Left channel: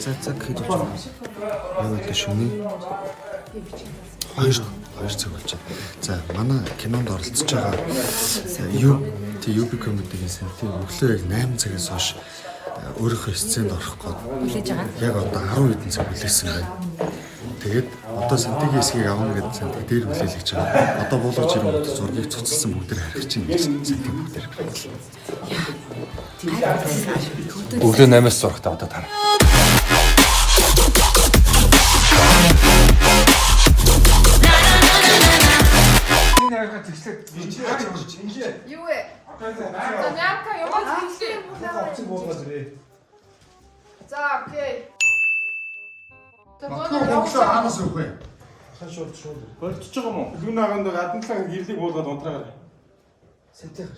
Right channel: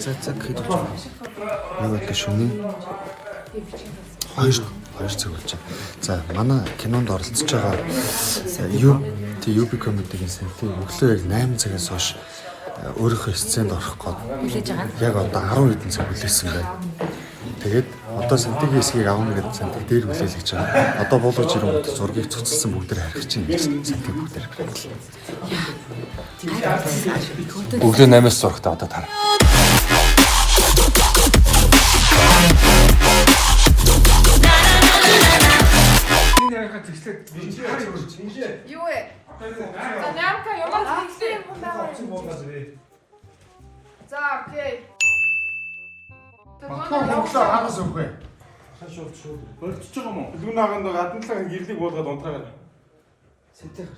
цаг хэд болж байна? Яг одоо шөнийн 2 цаг болж байна. За манай кинонд оролцож байгаа UB comedy-гийн сантын өглөө яг 8 цагаас хойш өөрийнхөө сценд орох гээд хүлээж байгаа. яг одоо 10 хэдэн цаг хүлээсэн байна. Тэгээд одоо сантигийн хэсгийг авна гэдэг сантиг дээр хүлээл гэж байгаа. Одоо буулгаж ирэнгүүт зургийг цуцлсан бүгдээр харих чинь гэж сантиг бүгдээр хэлсэн. Өглөө 8-аас зурхтаа одоо таар. Юу вэ? Ямка яваад хэлсэн юм. За окей. Монголоор хагас үгүй. Шууд. Болчихж байгаа юм уу? Юунаагаад гадналаа гэрлийг буулгаад унтраагаа. Сэтэх.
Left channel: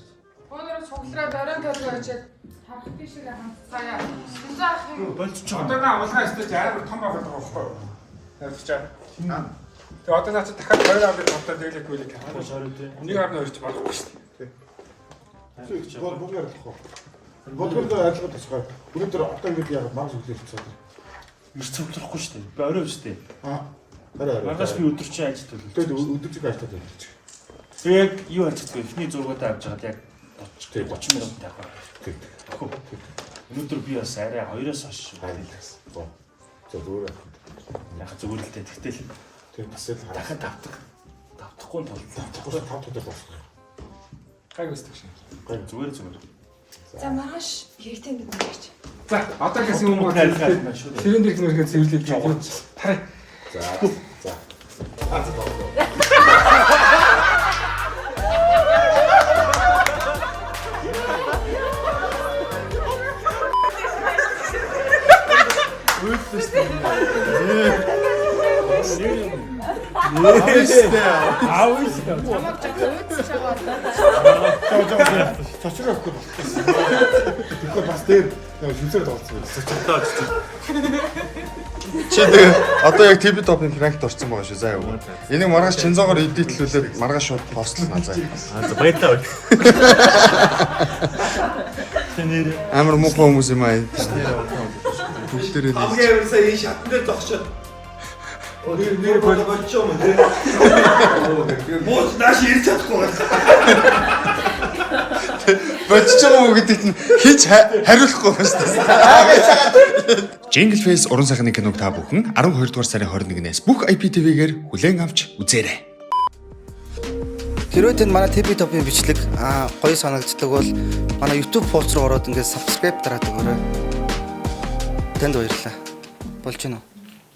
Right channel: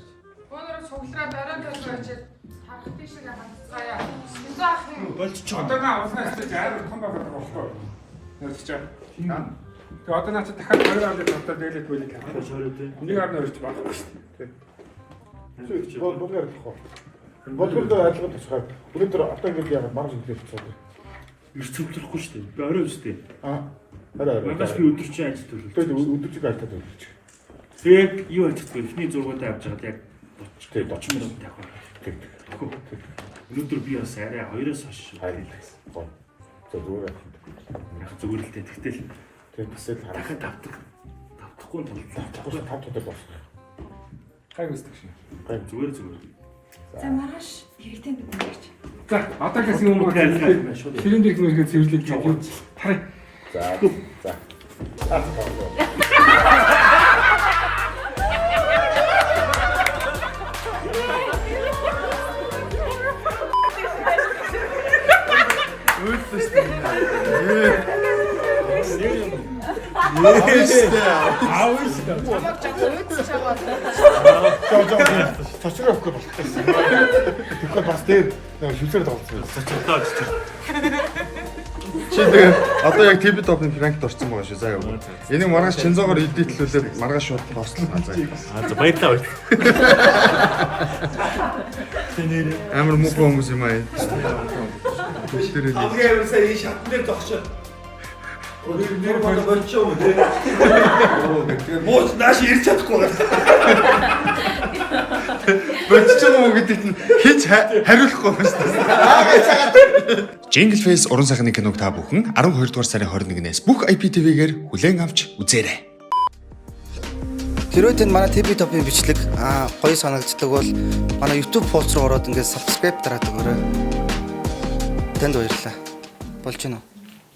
Өнөөдөр цуглараад орон төлөв очиад харах тийшээ хандцгаая. Сүнзээ ах юм. Болчихж байгаа. Одоо наа улаан стеж амар том байгаа болохоо. Ойлгочаа. Тэгээ одоо наач дахиад 2 аваад тавтаа дэглэх байлиг харахгүй шороо тий. Нэг аваад өрч болохгүй шүү дээ. Бүгд ярих. Бодгонд ажиллах тусгай. Өнөөдөр одоо ингэж яг маргааш өглөө болчихсон. Ирч цөвлөхгүй шүү дээ. Би орой шүү дээ. Орой. Маргааш би өдөржин ажилт төлөв. Тэгээд өдөржиг ажиллаад байж. Тэгээд юу ачдаг вэ? Эхний зургуудаа авч байгаад яг 30 минут тавих. Өнөөдөр би бас арай 2-оос хойш харилаас. Зүгээр. Яг зүгээр л дээ. Тэгтэл тэгээд бас л дахиад тавдахгүй тул. Тавдахгүй 5 өдөр болсон. Гайг өсдөг шин. Гайг Зүгээр. За маргааш хэрэгтэй нэг юм ярьж. За одоо гэсэн юм уу ажиллаад шүү дээ. ширэн дээр нүргээ цэвэрлэж байгаа. Тарай. За. Чамаг жоо өөдөж байгаа. Цочроохгүй болсон. Тэгэхээр бас дээр шүлсээр тоглосон. Цоцолоо. Чи тэгээ одоо яг TV Top-ын пранкт орсон байгаа шүү. За яа. Энийг маргааш чинзоогоор эдитлүүлээд маргааш шууд постлно заа. За баярлалаа. Амар муухай хүмүүс юм аа. Бүгдээрээ хамгийн ерөөсөө энэ шатн дээр зогсоод нэр болч юм уу те. Бууч нааш ирч чадахгүй байна. болчих юм уу гэдэг чинь хич хариулахгүй байна шүү дээ. Jingle Face уран сайхны киног та бүхэн 12 дугаар сарын 21-ээс бүх IPTV-гээр хүлээн авч үзээрэй. Хэрвээ танд манай TV Top-ын бичлэг гоё санагддаг бол манай YouTube пост руу ороод ингээд subscribe дараад өгөөрэй. Танд баярлалаа. Болж гинөө.